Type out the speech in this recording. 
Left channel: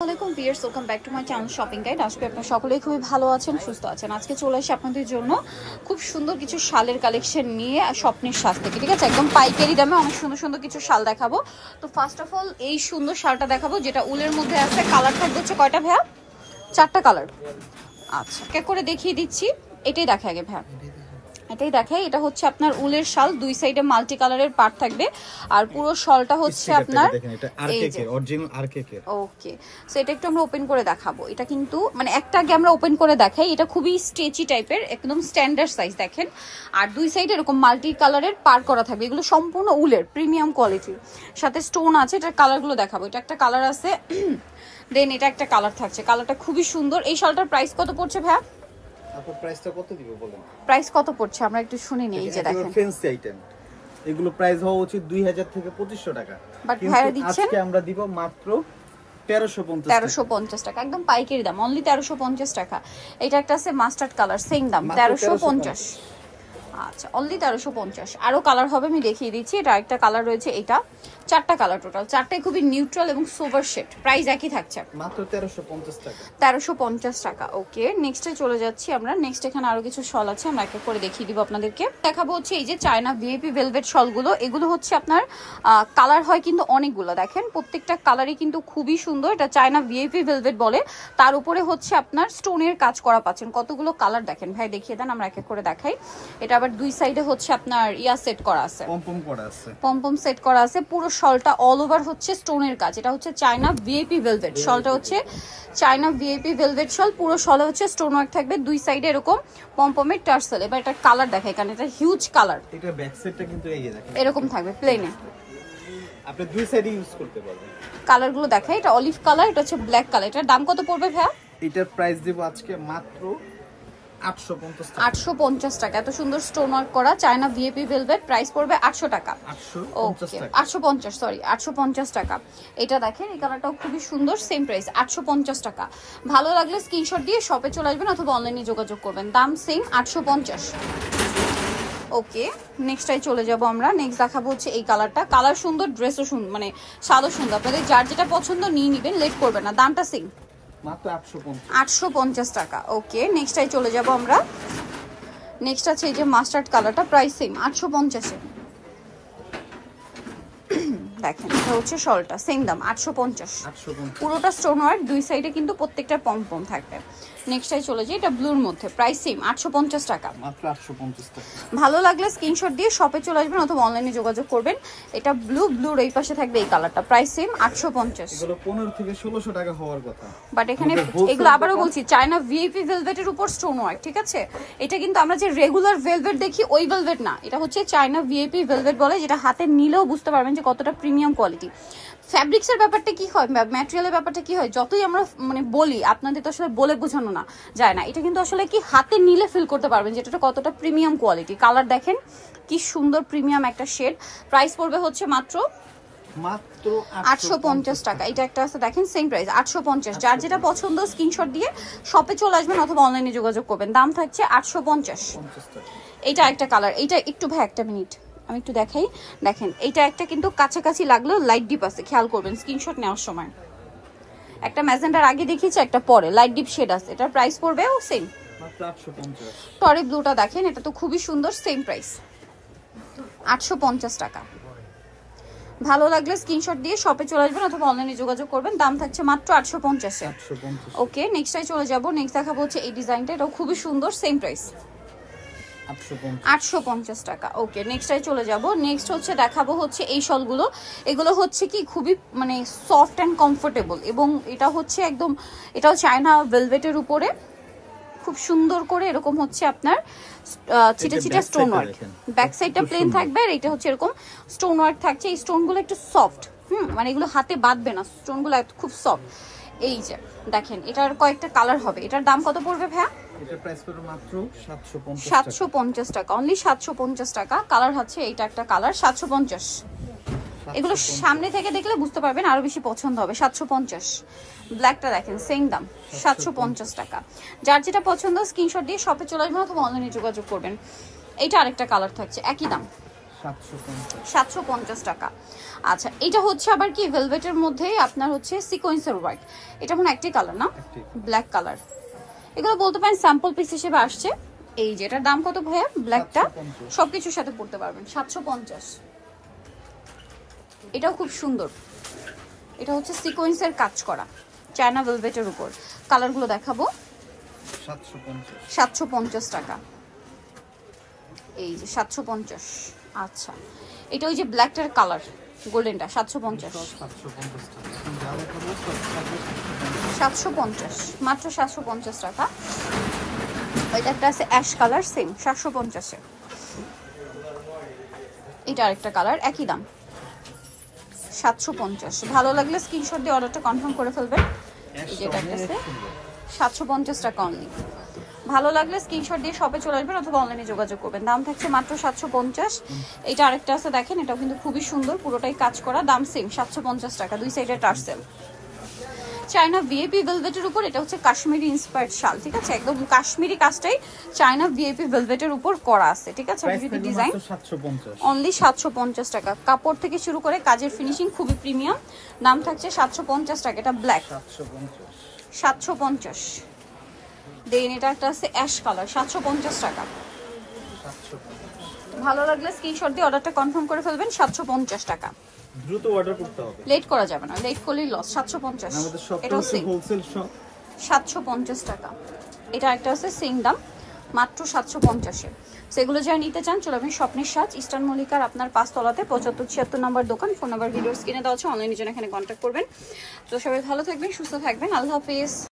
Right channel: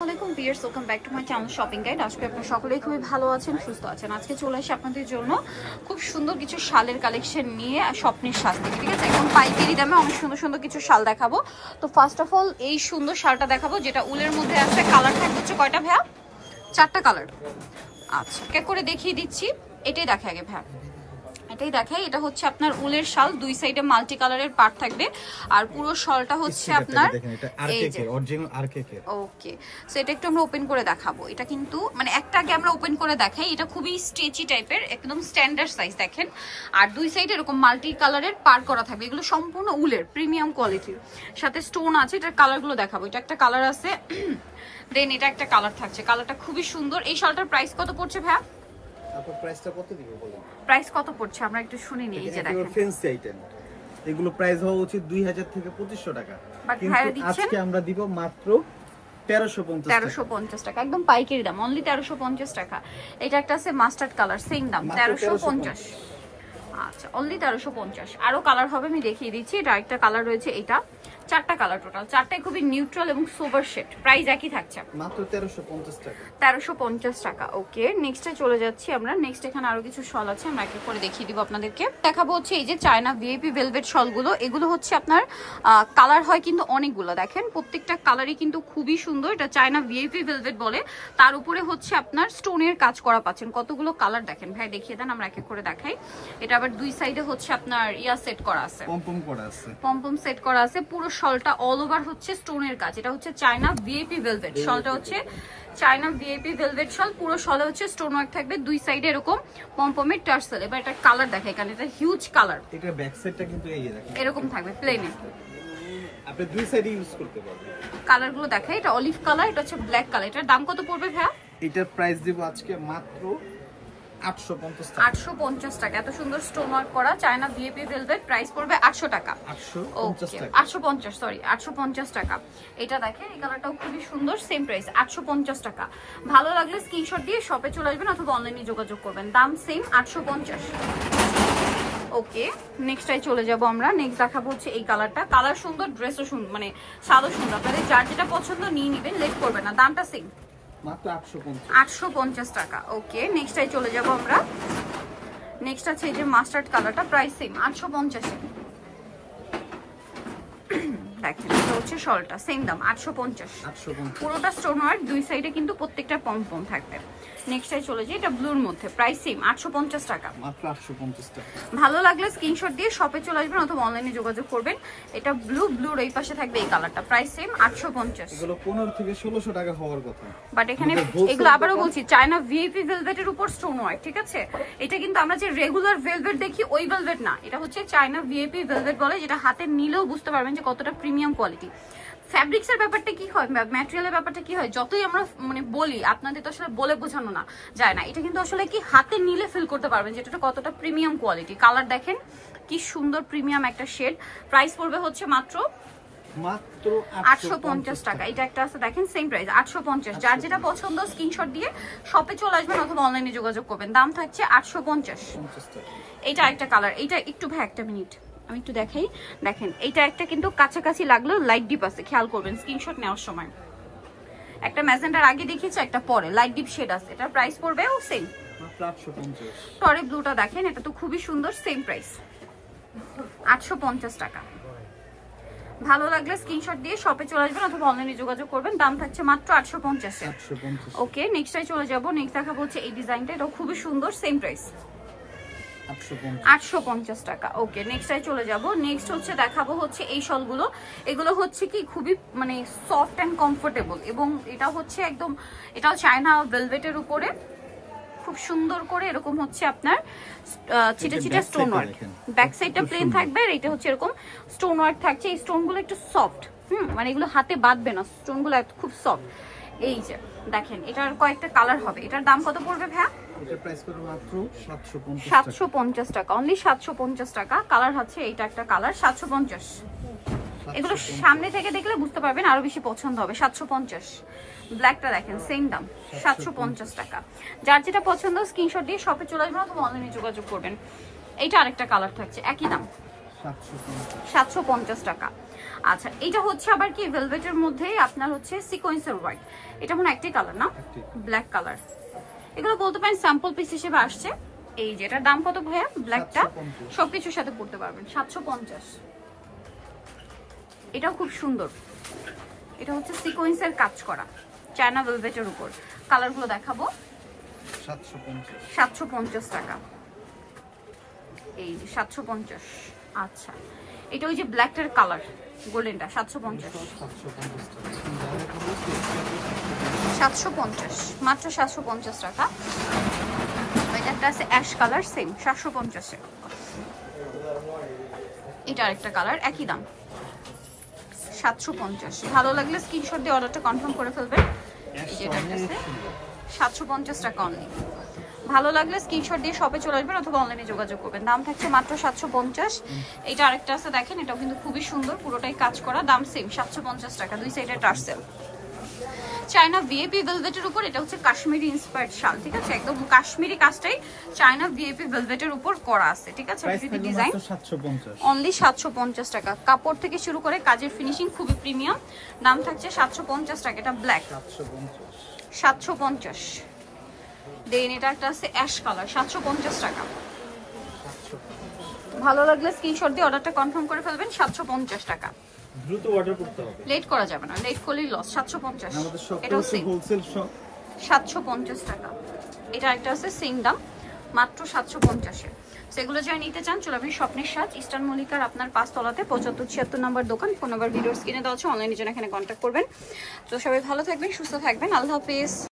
আসসালামু আলাইকুম viewers, welcome back to my channel shopping guide. আজকে আপনারা সকলেই খুবই ভালো আছেন, সুস্থ আছেন। আজকে চলে এসে আপনাদের জন্য খুব সুন্দর কিছু শালের কালেকশন নিয়ে স্বপ্নের সাজ থেকে, ঠিক আছে, একদম পাইকারি দামে অনেক সুন্দর সুন্দর কিছু শাল দেখাবো। তো ফার্স্ট অফ অল এই সুন্দর শালটা দেখাবো, যেটা উলের মধ্যে আছে। কালার থাকবে হচ্ছে কয়টা ভাইয়া? 4টা কালার। আচ্ছা, এক করে দেখিয়ে দিচ্ছি। এটাই দেখে আগে ভাইয়া, এটাই দেখাই। এটা হচ্ছে আপনার উলের শাল, দুই সাইডে মাল্টি কালারের পার্ট থাকবে, আর পুরো শালটা হচ্ছে আপনার ওকে। সো এটা একটু আমরা ওপেন করে দেখাবো। এটা কিন্তু মানে একটা আগে আমরা ওপেন করে দেখাই। এটা খুবই স্ট্রেচি টাইপের, একদম স্ট্যান্ডার্ড সাইজ দেখেন। আর দুই সাইডে এরকম মাল্টি কালারের পার করা থাকবে। এগুলো সম্পূর্ণ উলের প্রিমিয়াম কোয়ালিটির, সাথে স্টোন আছে। এটার কালারগুলো দেখাবো। এটা একটা কালার আছে, দেন এটা একটা কালার থাকছে। কালারটা খুবই সুন্দর। এই শালটার প্রাইস কত পড়ছে ভাইয়া? আপনার প্রাইসটা কত দিব বলেন? প্রাইস কত পড়ছে আমরা একটু শুনে নিই। এই যে দেখেন ফ্যান্সি আইটেম, এগুলো প্রাইস হওয়া উচিত 2000 থেকে 2500 টাকা, কিন্তু আজকে আমরা দিব মাত্র 1350 টাকা, একদম পাইকারি দাম, অনলি 1350 টাকা। এটা একটা আছে মাস্টার্ড কালার, সেম দাম 1350। আচ্ছা, অনলি 1350। আরো কালার হবে, আমি দেখিয়ে দিচ্ছি। এটা আরেকটা কালার রয়েছে। এটা 4টা কালার টোটাল, 4টাই খুবই নিউট্রাল এবং সোবার শেড। প্রাইস একই থাকছে, মাত্র 1350 টাকা। 1350 টাকা। ওকে, নেক্সটে চলে যাচ্ছি আমরা। নেক্সট এখানে আরো কিছু শল আছে, আমরা এক এক করে দেখিয়ে দিব আপনাদেরকে। দেখাবো হচ্ছে এই যে চায়না ভিআইপি ভেলভেট শলগুলো। এগুলো হচ্ছে আপনার কালার হয় কিন্তু অনেকগুলো, দেখেন প্রত্যেকটা কালারই কিন্তু খুবই সুন্দর। এটা চায়না ভিআইপি ভেলভেট বলে। তার উপরে হচ্ছে আপনার স্টোনের কাজ করা পাচ্ছেন। কতগুলো কালার দেখেন ভাই, দেখিয়ে দেন, আমরা এক এক করে দেখাই। এটা আবার দুই সাইডে হচ্ছে আপনার ইয়া সেট করা আছে, পমপম করা আছে, পমপম সেট করা আছে। পুরো শলটা অল ওভার হচ্ছে স্টোনের কাজ। এটা হচ্ছে চায়না ভিআইপি ভেলভেট শলটা, হচ্ছে চায়না ভিআইপি ভেলভেট শল। পুরো শলে হচ্ছে স্টোন ওয়ার্ক থাকবে, দুই সাইডে এরকম পমপমের টার্সেল। এবার এটা কালার দেখাই, কারণ এটা হিউজ কালার। এটা ব্যাক সাইডটা কিন্তু এই যে দেখেন এরকম থাকবে প্লেনে, আপনি দুই সাইডে ইউজ করতে পারবেন। কালারগুলো দেখাই। এটা অলিভ কালার, এটা হচ্ছে ব্ল্যাক কালার। এটার দাম কত পড়বে ভাইয়া? এটার প্রাইস দিব আজকে মাত্র 850 টাকা। 850 টাকা। এত সুন্দর স্টোন ওয়ার্ক করা চায়না ভিআইপি ভেলভেট, প্রাইস পড়বে 800 টাকা। 850 টাকা, 850, সরি 850 টাকা। এটা দেখেন, এই কালারটাও খুবই সুন্দর, সেম প্রাইস 850 টাকা। ভালো লাগলে স্ক্রিনশট দিয়ে শপে চলে আসবেন অথবা অনলাইনে যোগাযোগ করবেন, দাম সেম 850। ওকে, নেক্সটটাই চলে যাব আমরা। নেক্সট দেখাবো হচ্ছে এই কালারটা। কালার সুন্দর, ড্রেসও সুন্দর, মানে শালও সুন্দর। আপনাদের যার যেটা পছন্দ নিয়ে নেবেন, লেট করবেন না। দামটা সেম মাত্র 850 টাকা। ওকে, নেক্সটটাই চলে যাব আমরা। নেক্সট আছে এই যে মাস্টার্ড কালারটা, প্রাইস সেম 850। দেখেন, এটা হচ্ছে শলটা, সেম দাম 850। পুরোটা স্টোন ওয়ার্ক, দুই সাইডে কিন্তু প্রত্যেকটা পমপম থাকবে। নেক্সটটাই চলে যাই, এটা ব্লুর মধ্যে, প্রাইস সেম 850 টাকা, মাত্র 850 টাকা। ভালো লাগলে স্ক্রিনশট দিয়ে শপে চলে আসবেন অথবা অনলাইনে যোগাযোগ করবেন। এটা ব্লুর এই পাশে থাকবে এই কালারটা, প্রাইস সেম 850। এগুলো 15 থেকে 1600 টাকা হওয়ার কথা, বাট এখানে এগুলো আবারও বলছি চায়না ভিআইপি ভেলভেটের উপর স্টোন ওয়ার্ক, ঠিক আছে। এটা কিন্তু আমরা যে রেগুলার ভেলভেট দেখি ওই ভেলভেট না, এটা হচ্ছে চায়না ভিআইপি ভেলভেট বলে, যেটা হাতে নিলেও বুঝতে পারবেন যে কতটা প্রিমিয়াম কোয়ালিটি। ফ্যাব্রিক্সের ব্যাপারটা কি হয়, ম্যাটেরিয়ালের ব্যাপারটা কি হয়, যতই আমরা মানে বলি, আপনাদের তো আসলে বলে বোঝানো না যায় না। এটা কিন্তু আসলে কি হাতে নিলে ফিল করতে পারবেন যে এটা কতটা প্রিমিয়াম কোয়ালিটি। কালার দেখেন কি সুন্দর, প্রিমিয়াম একটা শেড। প্রাইস পড়বে হচ্ছে মাত্র 850 টাকা। এটা একটা আছে দেখেন, সেম প্রাইস 850। যার যেটা পছন্দ স্ক্রিনশট দিয়ে শপে চলে আসবেন অথবা অনলাইনে যোগাযোগ করবেন, দাম থাকছে 850 টাকা। এটা একটা কালার, এইটা একটু ভাই একটা মিনিট আমি একটু দেখাই। দেখেন, এইটা একটা কিন্তু কাছাকাছি লাগলেও লাইট ডিপ আছে, খেয়াল করবেন স্ক্রিনশট নেওয়ার সময়। একটা ম্যাজেন্ডার আগে দেখিয়েছি, একটা পরে লাইট ডিপ শেড আছে। এটার প্রাইস পড়বে ও সেম মাত্র 850। টরে ব্লুটা দেখেন, এটা তো খুবই সুন্দর, সেম প্রাইস 850 টাকা। ভালো লাগলে স্ক্রিনশট দিয়ে শপে চলে আসবেন অথবা অনলাইনে যোগাযোগ করবেন, দাম থাকছে মাত্র 850। ওকে, নেক্সটটাই চলে যাব। নেক্সট দেখাবো হচ্ছে এই ডিজাইনটা, এটাও খুবই সুন্দর, সেম প্রাইস 850 টাকা। ওকে, নেক্সটটাই চলে যাব। নেক্সট হচ্ছে দেখাবো হচ্ছে এই শলগুলো। এগুলো হচ্ছে কি খুবই মানে সফট অ্যান্ড কমফোর্টেবল, এবং এটা হচ্ছে একদম, এটাও চায়না ভেলভেটের উপরে খুব সুন্দর করে এরকম হচ্ছে আপনার চিটা চিটা স্টোন ওয়ার্ক। ব্যাক সাইডটা প্লেন থাকবে, আর এটা হচ্ছে এরকম স্টোন ওয়ার্ক থাকছে। এই স্টোনগুলো একটু সফট, মানে এগুলো হাতে বাঁধবে না, স্টোনগুলো খুব সফট। এই যে দেখেন, এটার কয়েকটা কালার হবে। এটার দাম কত পড়বে ভাইয়া? এটার প্রাইস পড়বে মাত্র 750 টাকা, অনলি 750 টাকা। কালার হচ্ছে এইটা একটা কালার, 750। এগুলো সামনে থেকে দেখলে বুঝতে পারবেন, আরো বেশি পছন্দ হবে। 750। ব্ল্যাকটা দেখেন, সেম দাম 750 টাকা। যার যেটা পছন্দ স্ক্রিনশট দিয়ে শপে চলে আসবেন অথবা অনলাইনে যোগাযোগ করবেন। এইটা আরেকটা কালার থাকছে, একই দাম 750 টাকা। আচ্ছা এটা হচ্ছে আবার কি ভেলভেটের মধ্যে আপনার হচ্ছে সিকোয়েন্সের ওয়ার্ক, এটা মনে একটাই কালার না, ব্ল্যাক কালার। এগুলো বলতে পারেন স্যাম্পল পিস হিসেবে আসছে। এই যে এটার দাম কত ভাইয়া? ব্ল্যাকটা সবকিছুর সাথে পড়তে পারবেন 750। এটাও খুব সুন্দর, এটা হচ্ছে সিকোয়েন্সের কাজ করা চায়না ভেলভেটের উপর। কালারগুলো দেখাবো। 750 টাকা। এই যে 750। আচ্ছা এটা ওই যে ব্ল্যাকটার কালার গোল্ডেনটা 750। 750 মাত্র 750 টাকা। এটা একটা আছে অ্যাশ কালার সেম 750 এ। এটা আরেকটা কালার একই দাম 750। ভালো লাগলে স্ক্রিনশট দিয়ে অর্ডারটা কনফার্ম করে ফেলবেন। এটা আছে 750 টাকা অনলি। ভালো লাগলে স্ক্রিনশট দিয়ে শপে চলে আসবেন অথবা অনলাইনে যোগাযোগ করবেন। দাম থাকছে মাত্র 750। এটা আরেকটা আছে দেখেন, এটাও কিন্তু খুবই সুন্দর, পুরোটাই কাজ করা, দাম সেম 750 টাকা। দুই সাইডে টার্সেল চায়না ভিআইপি ভেলভেটের উপর। এটা হচ্ছে কাশ্মীরি ইন্সপায়ার্ড শাল, ঠিক আছে, একদম কাশ্মীরি কাজটাই চায়না ভিআইপি ভেলভেটের উপর করা আছে, ঠিক আছে। ডিজাইন অনলি 750 টাকা। কাপড় থেকে শুরু করে কাজের ফিনিশিং খুবই প্রিমিয়াম। দাম থাকছে 750 টাকা। এটা ব্ল্যাক 750। দেন এটা একটা আছে অ্যাশ কালার 750 টাকা। ভালো লাগলে স্ক্রিনশট দিয়ে অর্ডারটা কনফার্ম করে ফেলবেন 750 টাকা। দ্রুত অর্ডার করতে হবে, লেট করা যাবে না, লেট করলেই লস। 750 আমাদের শপটা হচ্ছে হোলসেল শপ। 750 টাকা। এটা একটা আছে সেম দাম মাত্র 750 এ। সেগুলো যারা নিতে চান চলে আপনি স্বপ্নের সাজ ইস্টার্ন মল্লিকার আপনার 5 তলাতে 7576 নম্বর দোকান। ফোন নাম্বার ভিডিওর স্ক্রিনে দেওয়া আছে, অনলাইনে জন্য এখানে কন্ট্যাক্ট করবেন। তো সবাই ভালো থাকবেন, সুস্থ থাকবেন, আল্লাহ হাফেজ।